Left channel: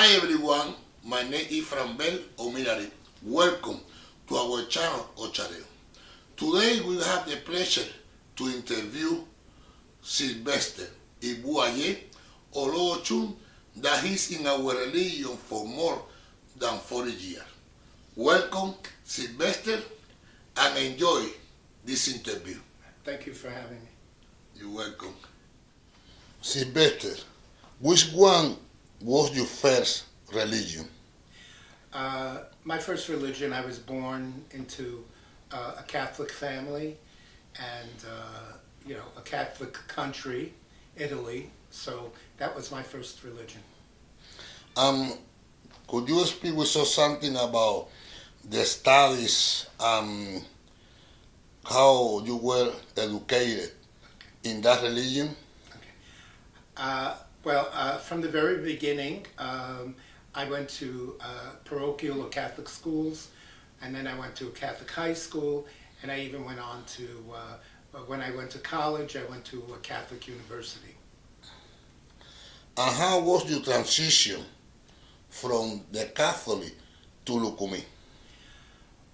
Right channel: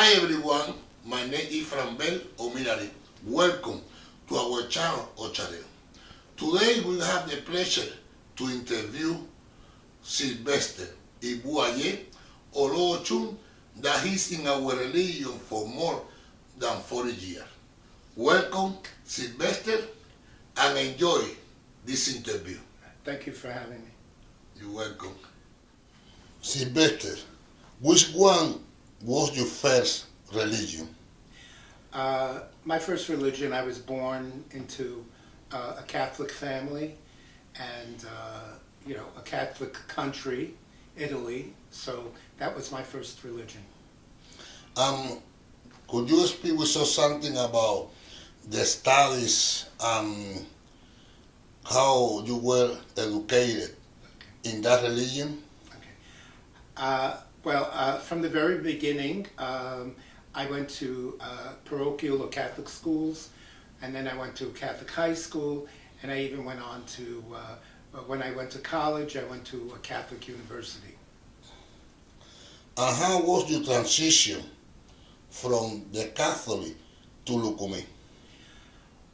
Hi everyone, my name is Franbel Omirari. Welcome to our channel OCHAREO. Today we have the pleasure to interview Silvester Ibu Aye, or ochun, that is in our religion for more than 40 years. Welcome, Silvester, and enjoy this interview. Thank you for having me. You're welcome. Silvester, which one was your first religion? My first religion, I was born into a Catholic family and, a Catholic country, Italy. So that was my first religion. Could you speak with us something about the studies and how you were educated in that religion? Okay. From the very beginning, I went to parochial or Catholic schools, and then I went to Catholic high school, and I even went on to, when I went to college, I went to a Catholic university. And how was your transition from the Catholic to Lukumi?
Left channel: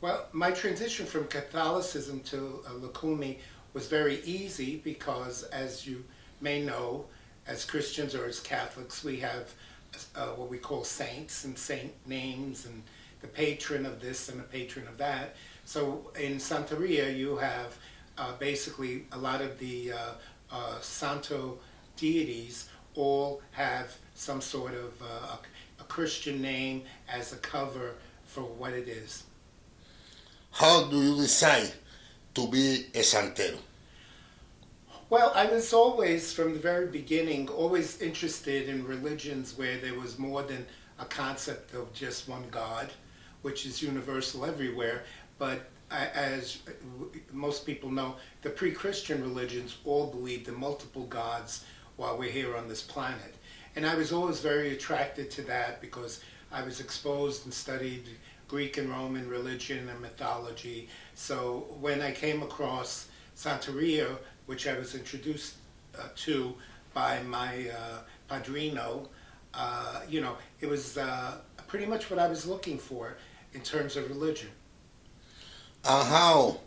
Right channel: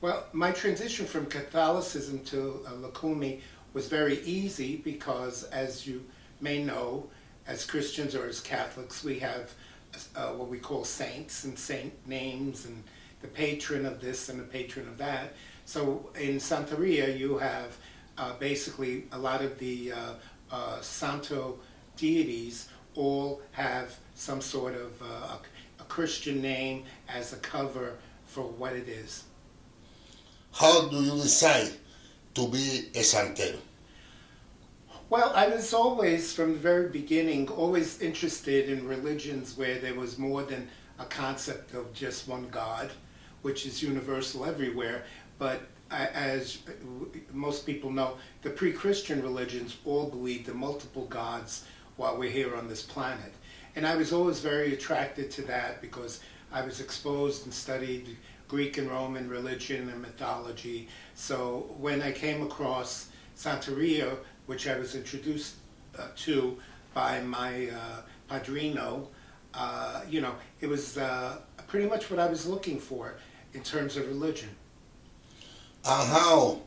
Well, my transition from Catholicism to Lukumi was very easy because, as you may know, as Christians or as Catholics, we have what we call saints and saint names and the patron of this and the patron of that. So in Santeria, you have basically a lot of the Santo deities all have some sort of a Christian name as a cover for what it is. How do you decide to be a santero? Well, I was always, from the very beginning, always interested in religions where there was more than a concept of just one God, which is universal everywhere. But as most people know, the pre-Christian religions all believed in multiple gods while we're here on this planet. And I was always very attracted to that because I was exposed and studied Greek and Roman religion and mythology. So when I came across Santeria, which I was introduced to by my padrino, it was pretty much what I was looking for in terms of religion. And how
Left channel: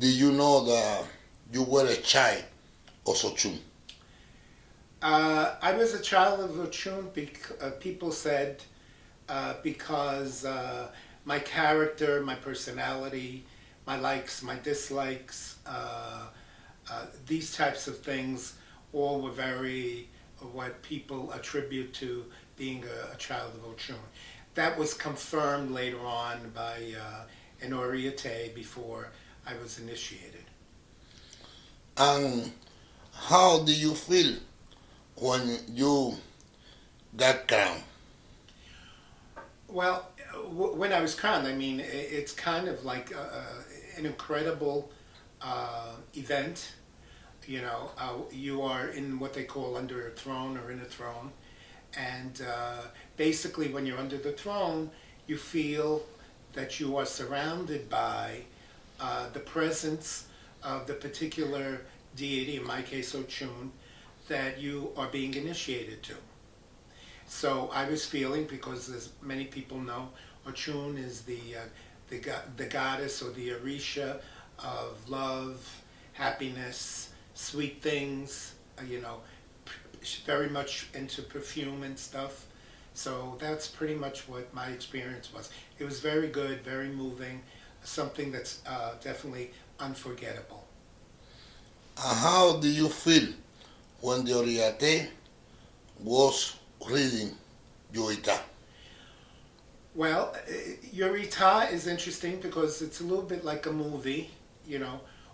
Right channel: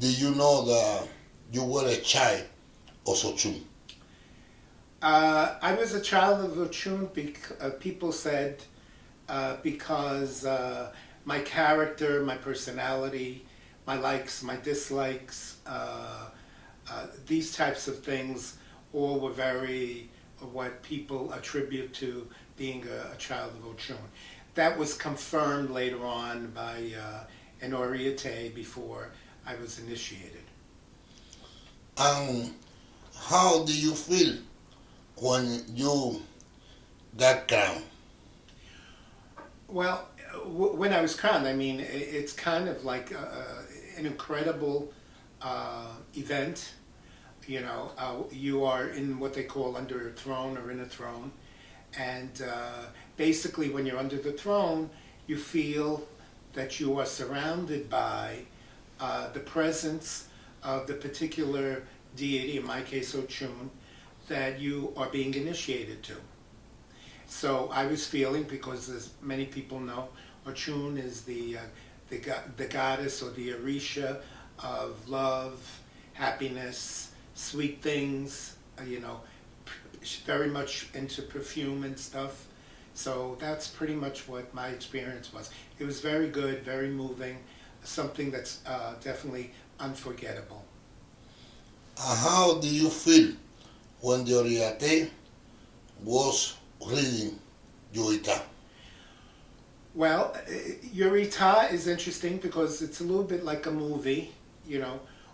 did you know that you were a child of ochun? I was a child of ochun, people said, because my character, my personality, my likes, my dislikes, these types of things all were very what people attribute to being a child of ochun. That was confirmed later on by an oriete before I was initiated. And how do you feel when you got crowned? Well, when I was crowned, I mean, it's kind of like an incredible event. You are in what they call under a throne or in a throne. And basically when you're under the throne, you feel that you are surrounded by the presence of the particular deity, in my case ochun, that you are being initiated to. So I was feeling, because as many people know, ochun is the goddess or the orisha of love, happiness, sweet things, very much into perfume and stuff. So that's pretty much what my experience was. It was very good, very moving, something that's definitely unforgettable. How do you feel when the oriate was reading Yuita? Well, Yuita is interesting because it's a little bit like a movie,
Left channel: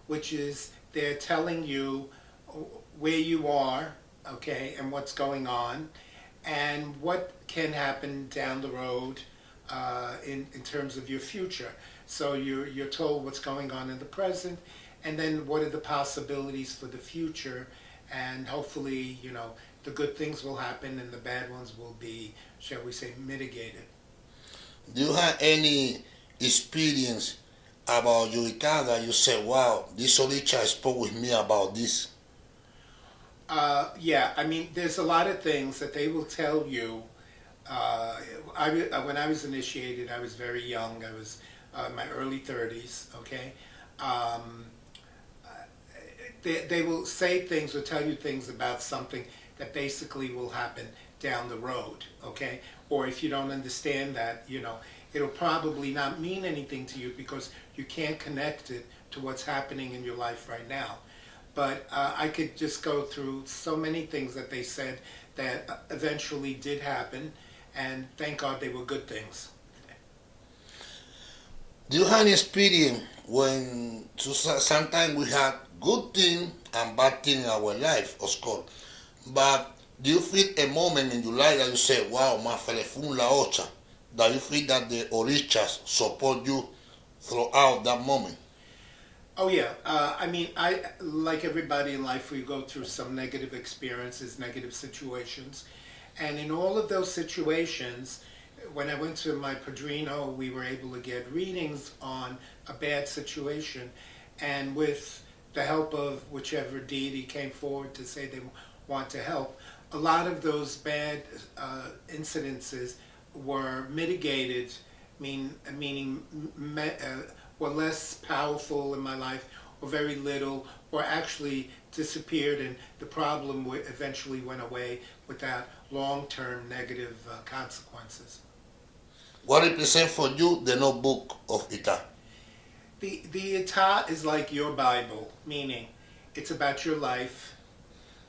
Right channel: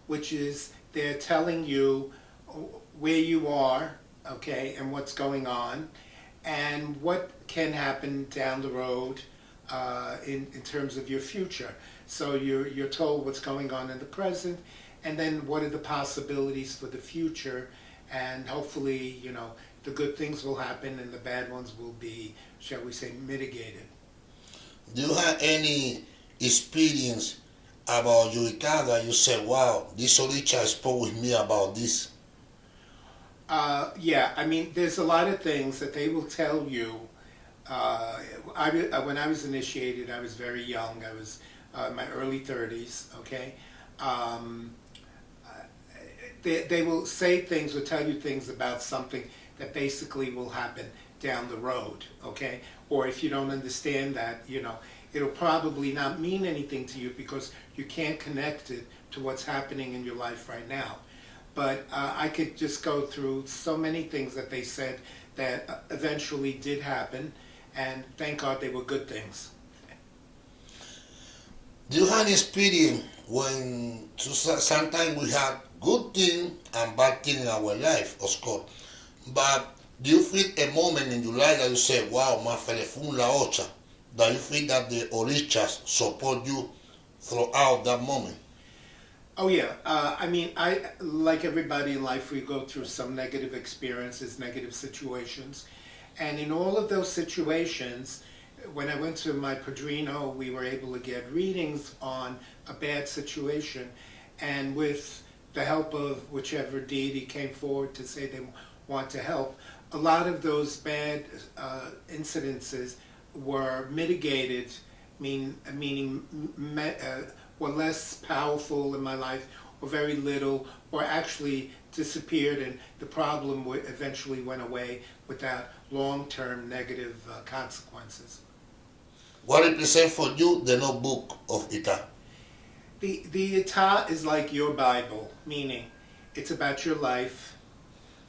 which is they're telling you where you are, okay, and what's going on, and what can happen down the road in terms of your future. So you're told what's going on in the present, and then what are the possibilities for the future, and hopefully, the good things will happen and the bad ones will be, shall we say, mitigated. Do you have any experience about Yuita that you say, wow, this Oricha spoke with me about this? Yeah, I mean, there's a lot of things that they will tell you when I was initiated, I was very young. I was in my early 30s, okay? Um, they will say things or tell you things about something that basically will happen down the road, okay? Or if you don't understand that, it'll probably not mean anything to you because you can't connect it to what's happening in your life right now. But I could just go through so many things that they said that eventually did happen, and thank God they were good things. Do you have any experience when sometimes we have good thing and bad thing in our life, of course, but do you feel a moment in your life that you say, wow, my fue la ocha, that you feel that the orichas support you throughout that moment? Oh yeah, I mean, I like everybody in life, we go through some negative experiences, negative situations, and in all of those situations, when I went to my padrino, we were able to get readings on a bad situation, and with the help of whichever deity came forward to say they want to help, a lot of those bad incidences were mitigated, meaning were less powerful in my life, or very little, or actually disappeared, and the problem eventually went away without long-term negative consequences. What represents for you the notebook of Ita? The Ita is like your Bible, meaning it's about your life,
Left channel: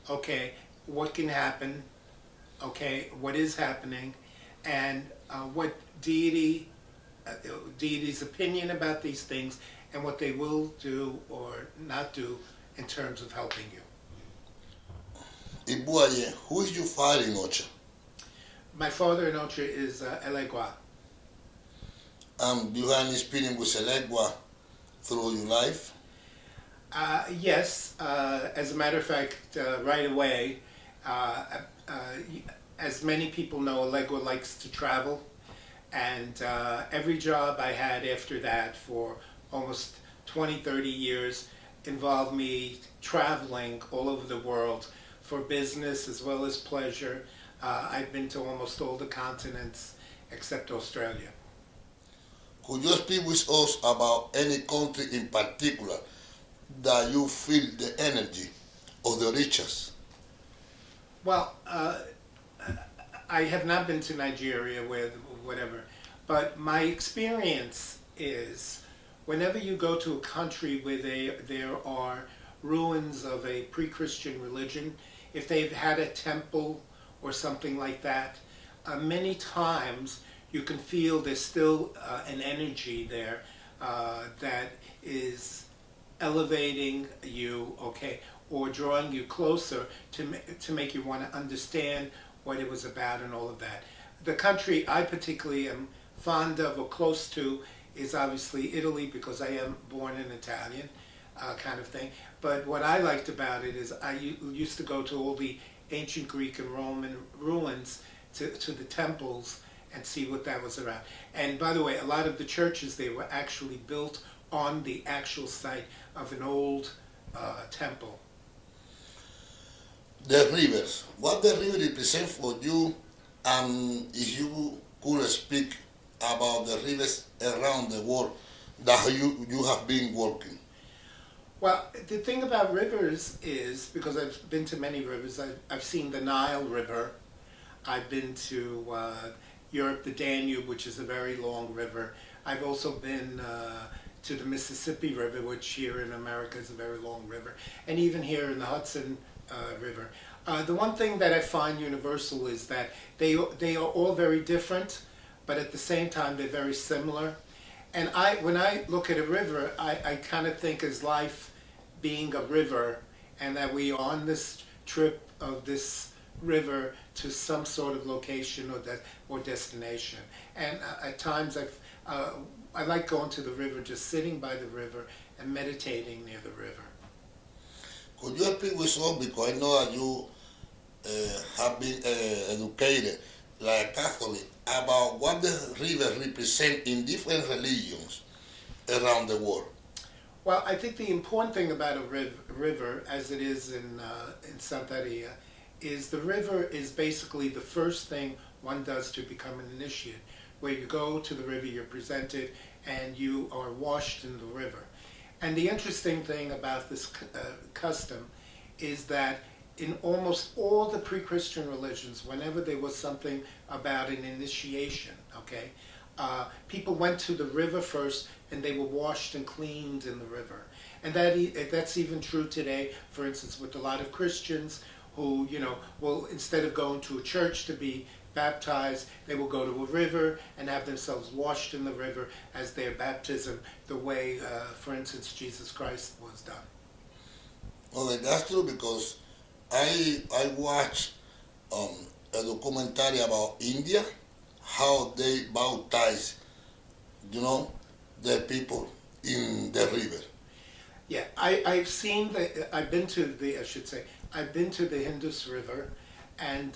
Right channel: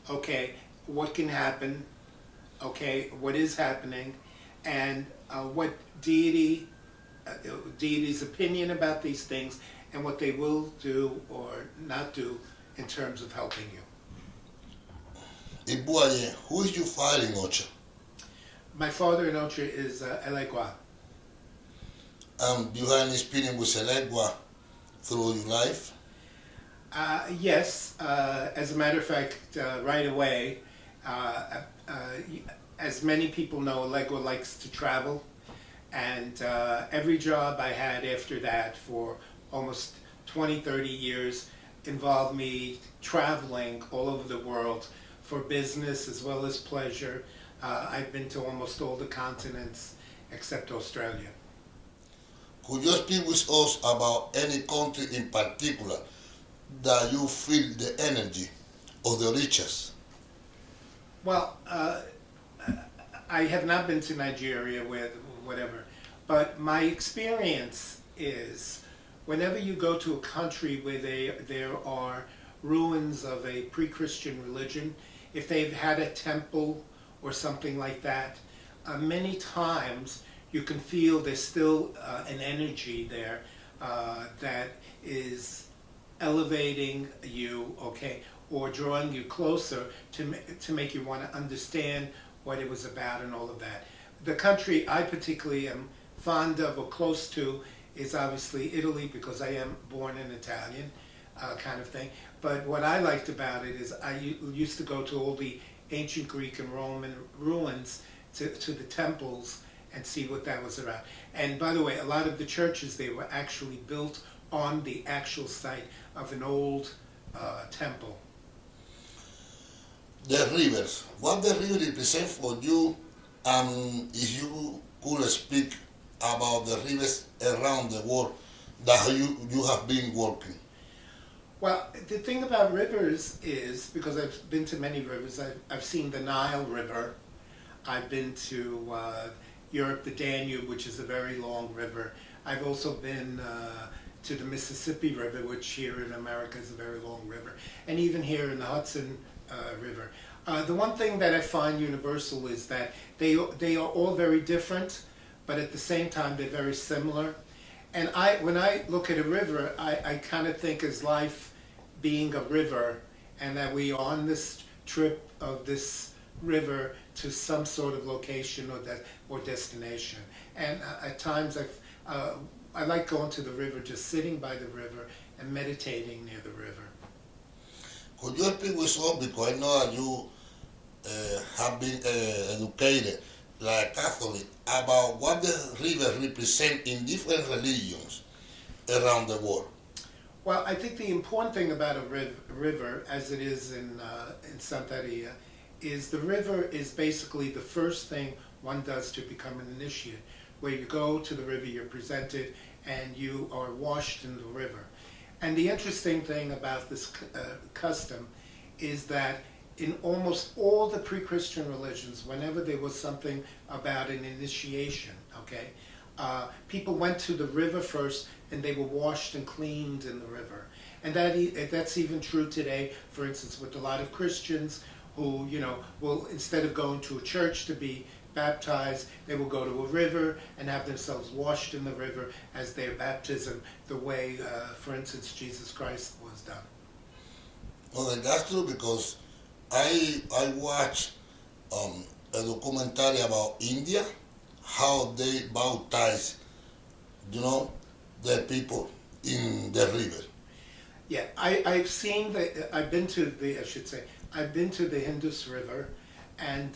okay, what can happen, okay, what is happening, and what deity's opinion about these things, and what they will do or not do in terms of helping you. Ibu Aye, who is your father in Ocha? My father in Ocha is Elegua. Do you have any experience with Elegua through your life? Yes, as a matter of fact, right away, as many people know, Elegua likes to travel. And every job I had after that for almost 20, 30 years involved me traveling all over the world for business as well as pleasure. I've been to almost all the continents except Australia. Could you speak with us about any country in particular that you feel the energy of the riches? Well, I have not been to Nigeria, whatever, but my experience is whenever you go to a country where there are ruins of a pre-Christian religion, if they've had a temple or something like that, many times you can feel there's still an energy there that is elevating you, okay, or drawing you closer to make you want to understand what it was about and all of that. The country I particularly am fond of or close to is obviously Italy, because I am born an Italian kind of thing. But what I liked about it is I used to go to all the ancient Greek and Roman ruins, to the temples, and see what that was about. And by the way, a lot of the churches, they were actually built on the actual site of an old temple. The rivers. What the river represent for you, if you could speak about the rivers around the world that you have been working? Well, the thing about rivers is, because I've been to many rivers, I've seen the Nile River, I've been to Europe, the Danube, which is a very long river. I've also been to the Mississippi River, which here in America is a very long river, and even here in the Hudson River. The one thing that I find universal is that they are all very different, but at the same time they're very similar. And when I look at a river, I kind of think as life being a river, and that we are on this trip of this river to some sort of location or destination. And at times I like going to the river, just sitting by the river and meditating near the river. Could you speak with us, because I know that you have been educated like Catholic, about what the river represent in different religions around the world? Well, I think the important thing about a river, as it is in Santeria, is the river is basically the first thing one does to become an initiate, where you go to the river, you're presented, and you are washed in the river. And the interesting thing about this custom is that in almost all the pre-Christian religions, whenever there was something about an initiation, okay, people went to the river first and they were washed and cleaned in the river. And that's even true today, for instance, with a lot of Christians who, will, instead of going to a church to be baptized, they will go to a river and have themselves washed in the river as their baptism, the way, for instance, Jesus Christ was done. Okay, that's true, because I watched a documentary about India, how they baptize, their people in the river. Yeah, I've seen I've been to the Indus River, and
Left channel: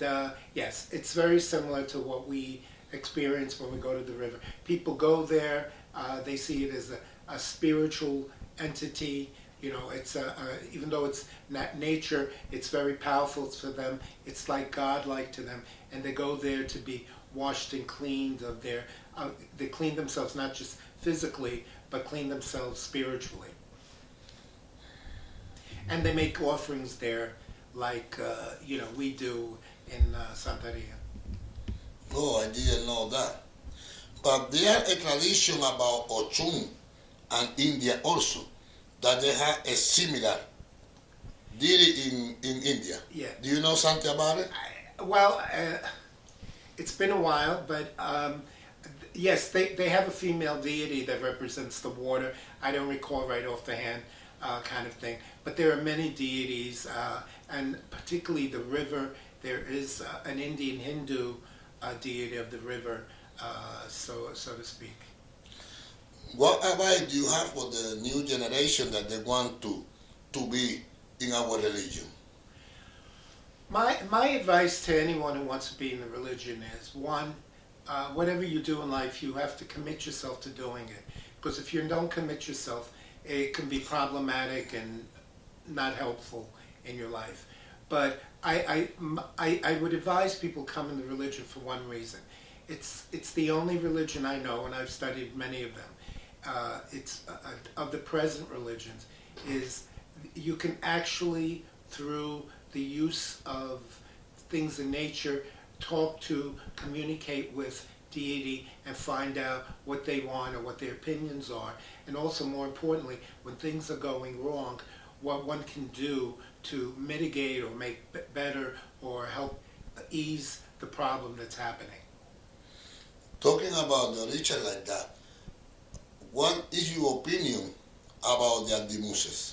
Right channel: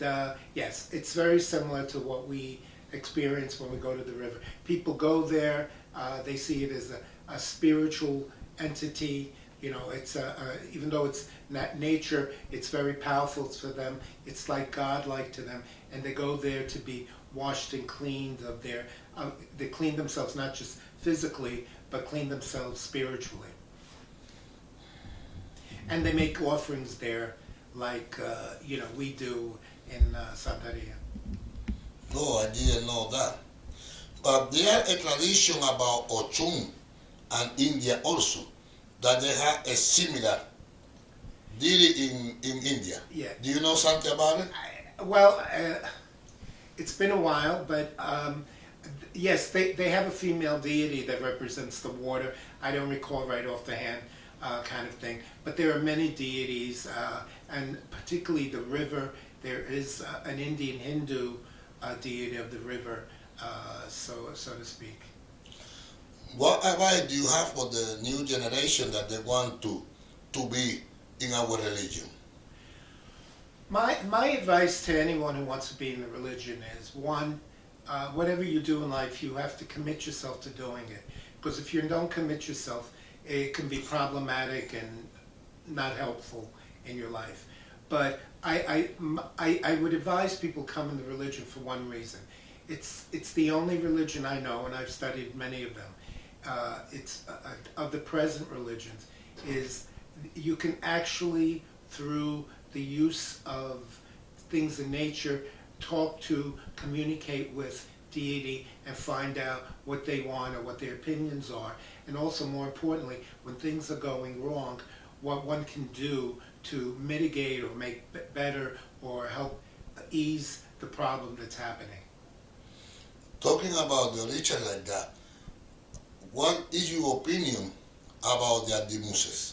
yes, it's very similar to what we experience when we go to the river. People go there, they see it as a spiritual entity. It's even though it's not nature, it's very powerful to them. It's like God-like to them, and they go there to be washed and cleaned of they clean themselves not just physically, but clean themselves spiritually. And they make offerings there, like we do in Santeria. No, I didn't know that. But there a tradition about ochun and India also, that they have a similar deity in India. Yeah. Do you know something about it? It's been a while, but yes, they have a female deity that represents the water. I don't recall right off the hand, kind of thing. But there are many deities, and particularly the river. There is an Indian Hindu deity of the river, so to speak. What advice do you have for the new generation that they want to be in our religion? My advice to anyone who wants to be in the religion is, one, whatever you do in life, you have to commit yourself to doing it. Because if you don't commit yourself, it can be problematic and not helpful in your life. But I would advise people come in the religion for one reason. It's the only religion I know, and I've studied many of them. It's of the present religions, is you can actually, through the use of things in nature, communicate with deity and find out what they want or what their opinions are. And also, more importantly, when things are going wrong, what one can do to mitigate or make better or help ease the problem that's happening. Talking about the religion like that, what is your opinion about the Andimuses?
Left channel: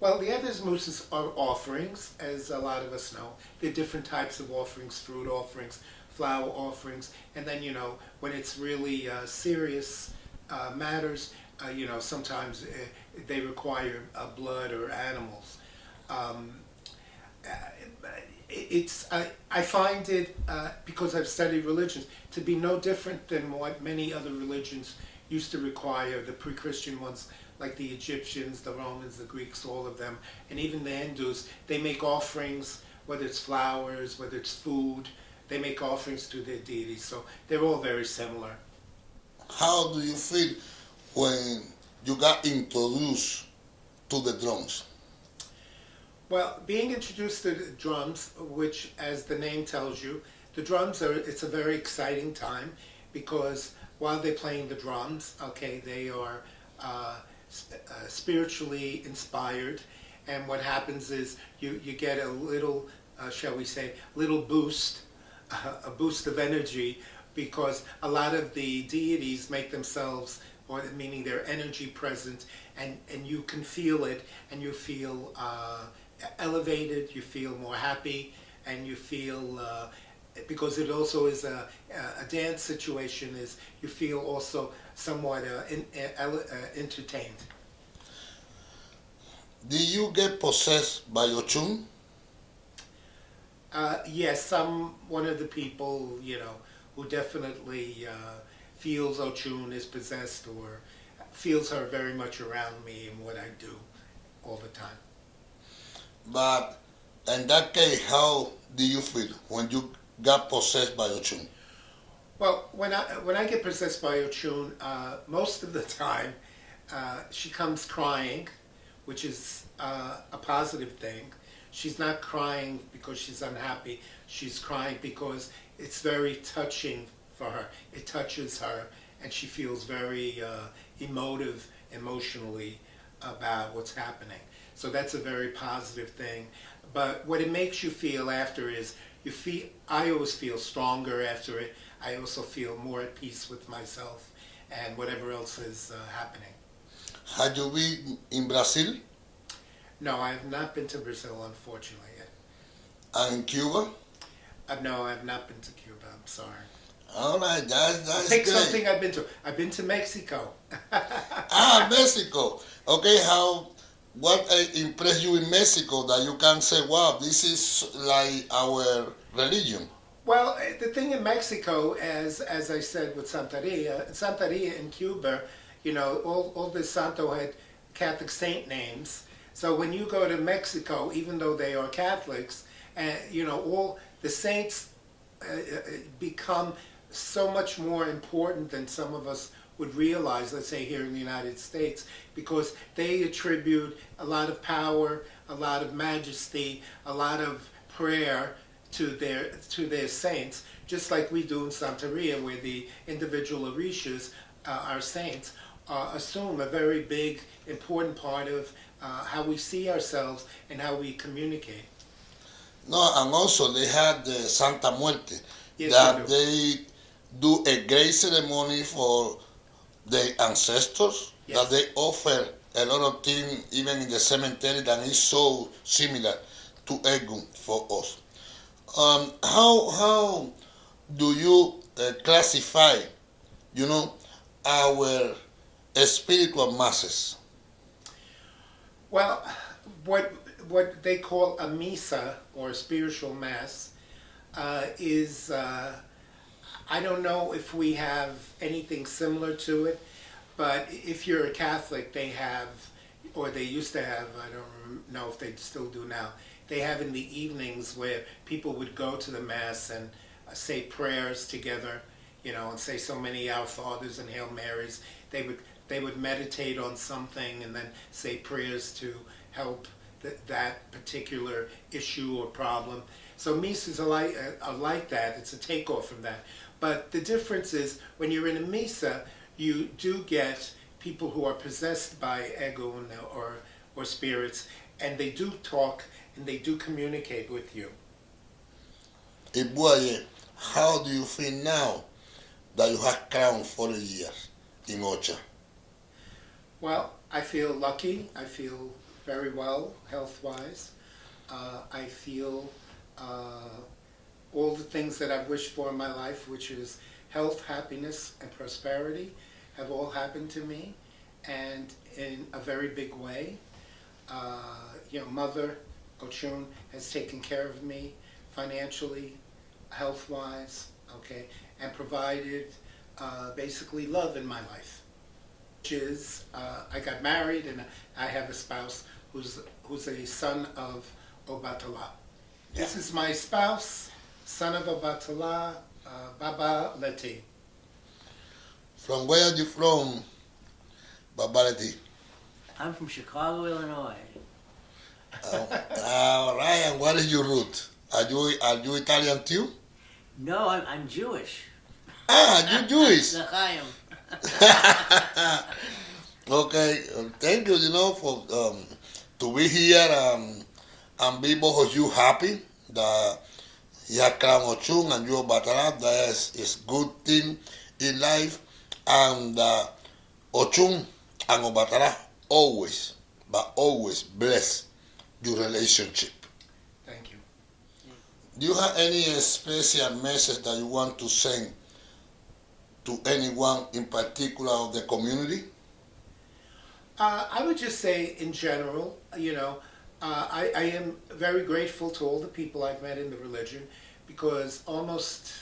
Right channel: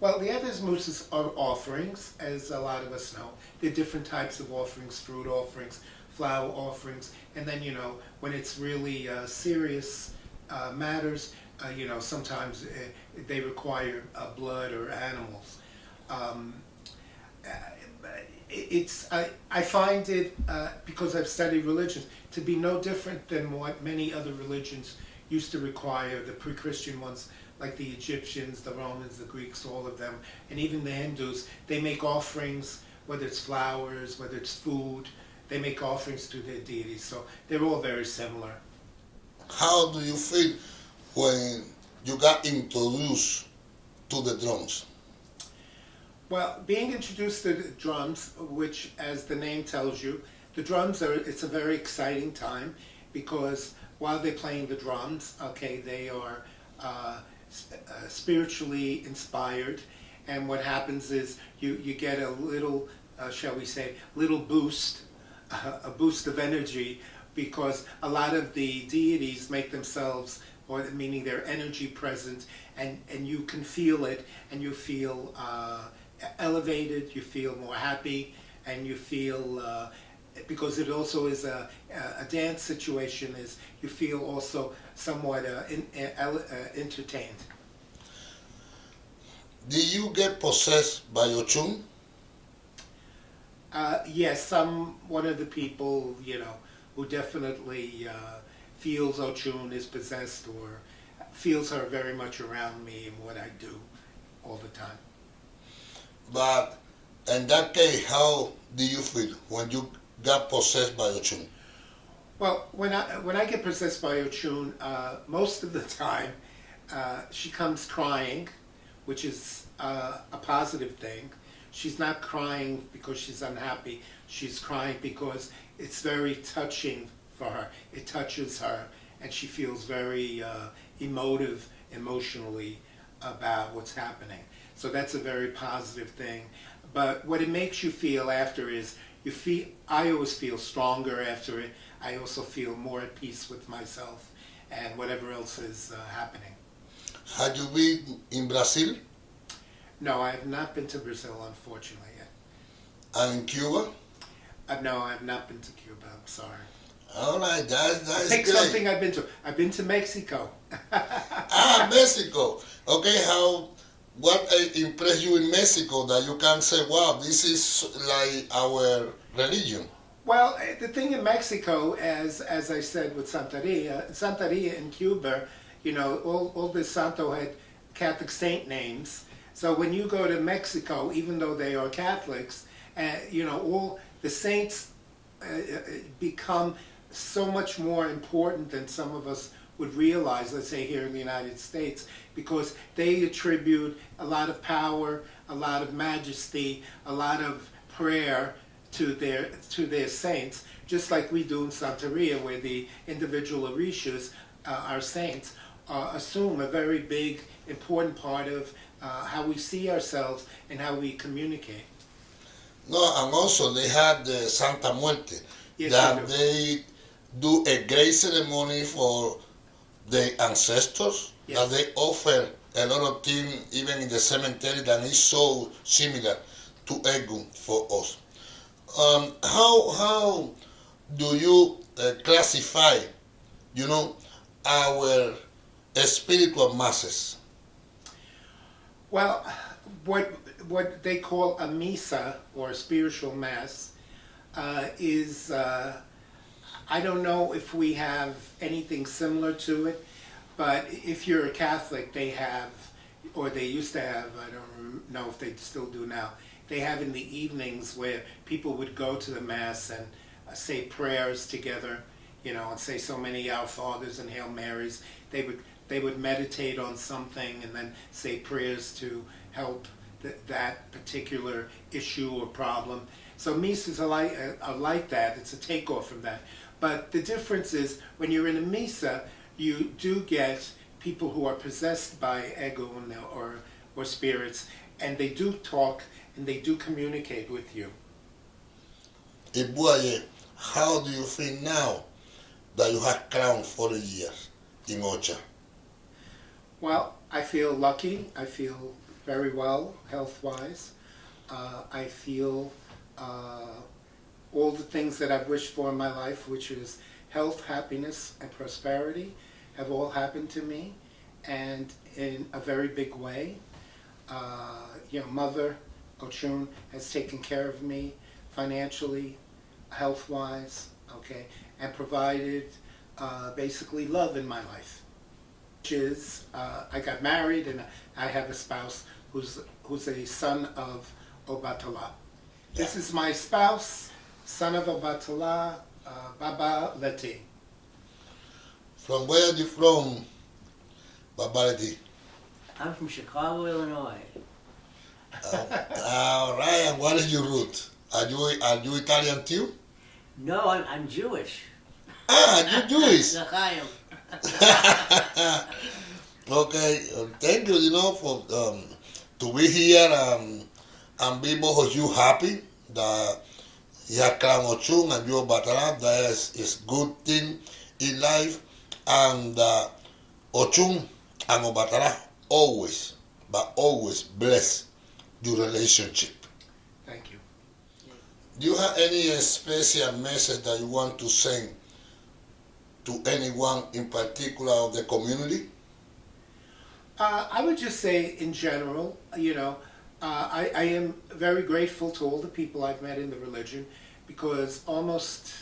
Well, the Andimuses are offerings, as a lot of us know. There are different types of offerings: fruit offerings, flower offerings, and then, when it's really serious matters, sometimes they require blood or animals. I find it, because I've studied religions, to be no different than what many other religions used to require, the pre-Christian ones, like the Egyptians, the Romans, the Greeks, all of them, and even the Hindus. They make offerings, whether it's flowers, whether it's food, they make offerings to their deities. So they're all very similar. How do you feel when you got introduced to the drums? Well, being introduced to the drums, which, as the name tells you, it's a very exciting time, because while they're playing the drums, okay, they are spiritually inspired, and what happens is you get a little, shall we say, little boost, a boost of energy, because a lot of the deities make themselves, or meaning their energy present, and you can feel it, and you feel elevated, you feel more happy, and you feel, because it also is a dance situation, is you feel also somewhat entertained. Do you get possessed by ochun? Yes, one of the people, who definitely feels ochun is possessed, or feels her very much around me and what I do all the time. But in that case, how do you feel when you got possessed by ochun? Well, when I get possessed by Ochun, most of the time, she comes crying, which is a positive thing. She's not crying because she's unhappy. She's crying because it's very touching for her. It touches her, and she feels very emotionally about what's happening. So that's a very positive thing. But what it makes you feel after is you feel. I always feel stronger after it. I also feel more at peace with myself and whatever else is happening. Have you been in Brazil No, I have not been to Brazil, unfortunately, yet. and in Cuba? No, I have not been to Cuba. I'm sorry. All right, that's Pick great. something I've been to. I've been to Mexico. Mexico. Okay, what impressed you in Mexico that you can say, wow, this is like our religion? Well, the thing in Mexico, as I said with Santeria in Cuba, all the Santo had Catholic saint names. So when you go to Mexico, even though they are Catholics, all the saints become so much more important than some of us would realize, let's say here in the United States, because they attribute a lot of power, a lot of majesty, a lot of prayer to their saints, just like we do in Santeria, where the individual Orishas, our saints, assume a very big, important part of how we see ourselves and how we communicate. No, and also they have the Santa Muerte, Yes, that they do a great ceremony for the ancestors, Yes. that they offer a lot of things even in the cemetery that is so similar to ogun for us. How do you classify, our spiritual masses? Well, what they call a misa or a spiritual mass is I don't know if we have anything similar to it, but if you're a Catholic, they have, or they used to have, I don't know if they still do now, they have in the evenings where people would go to the Mass and say prayers together, and say so many Our Fathers and Hail Marys. They would meditate on something and then say prayers to help that particular issue or problem. So misas are like that. It's a takeoff from that. But the difference is when you're in a misa, you do get people who are possessed by ogun or spirits, and they do talk and they do communicate with you. Ibu Aye, how do you feel now that you have crowned 40 years in OCHA? Well, I feel lucky. I feel very well health-wise. I feel all the things that I've wished for in my life, which is health, happiness, and prosperity, have all happened to me, and in a very big way. Mother Ochun has taken care of me financially, health-wise, okay, and provided basically love in my life. Which is, I got married and I have a spouse who's a son of Obatala. This is my spouse, son of Obatala, Baba Leti. From where are you from, Baba Leti? I'm from Chicago, Illinois. All right, and what is your root? Are you Italian too? No, I'm Jewish. Ah, you're Jewish. L'chaim. Okay, thank you, for to be here and be both of you happy that you have come Ochun and you are Batara. That is good thing in life, and Ochun and Obatara always bless your relationship. Thank you. Do you have any special message that you want to send to anyone in particular of the community? I would just say in general, I am very grateful to all the people I've met in the religion, because almost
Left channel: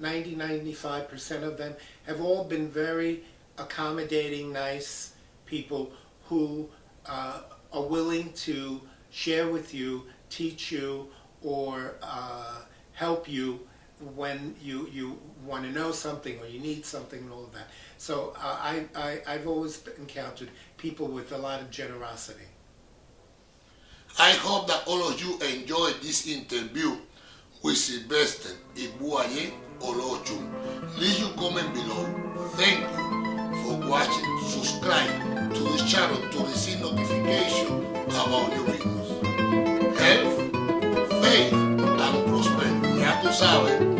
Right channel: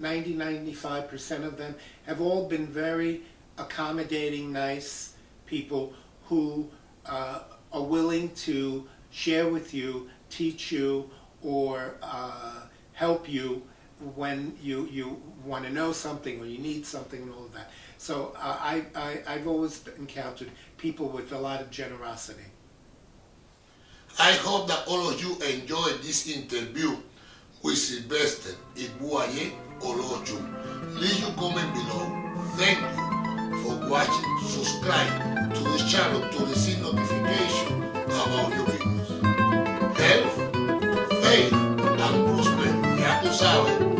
95% of them have all been very accommodating, nice people who are willing to share with you, teach you, or help you when you want to know something or you need something and all of that. So I've always encountered people with a lot of generosity. I hope that all of you enjoyed this interview with Silvester Ibu Aye or ochun. Leave your comment below. Thank you for watching. Subscribe to this channel to receive notification about new videos. Health, faith, and prosperity. Ya tú sabes.